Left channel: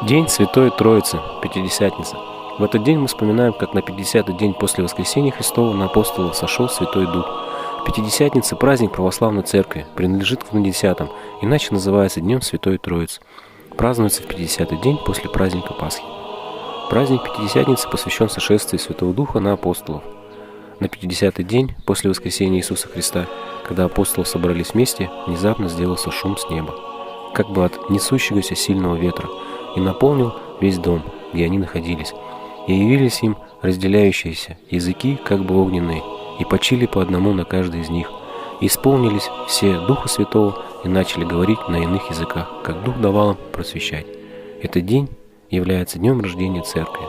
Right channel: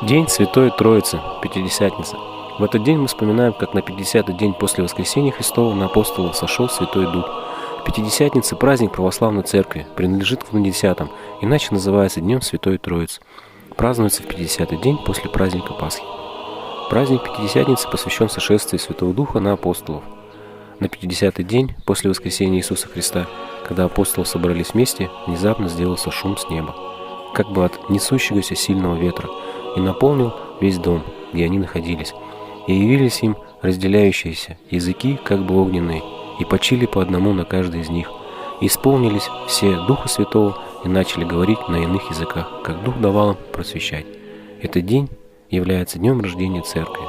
День Святой Троицы, Пятидесятница. В этот день мы вспоминаем, как на 50-й день после Воскресения Христова на апостолов сошел Святой Дух. Пятидесятница – праздник православной церкви, принадлежит к 10-м, иначе называется Днем Святой Троицы. Празднуется в 50-й день после праздника Пасхи. Праздник Пятидесятницы посвящен сошествию Святого Духа на апостолов. На 50-й день после Воскресения Иисуса Христа, когда апостолы собрались вместе, внезапно сделался шум с неба, как бы от несущегося сильного ветра, и наполнил весь дом, где они находились. И явились им разделяющиеся языки, как бы огненные, и почили по одному на каждый из них. И исполнились все Духа Святого и начали говорить на иных языках, как Дух давал им просвещать. Этот день является днем рождения Церкви.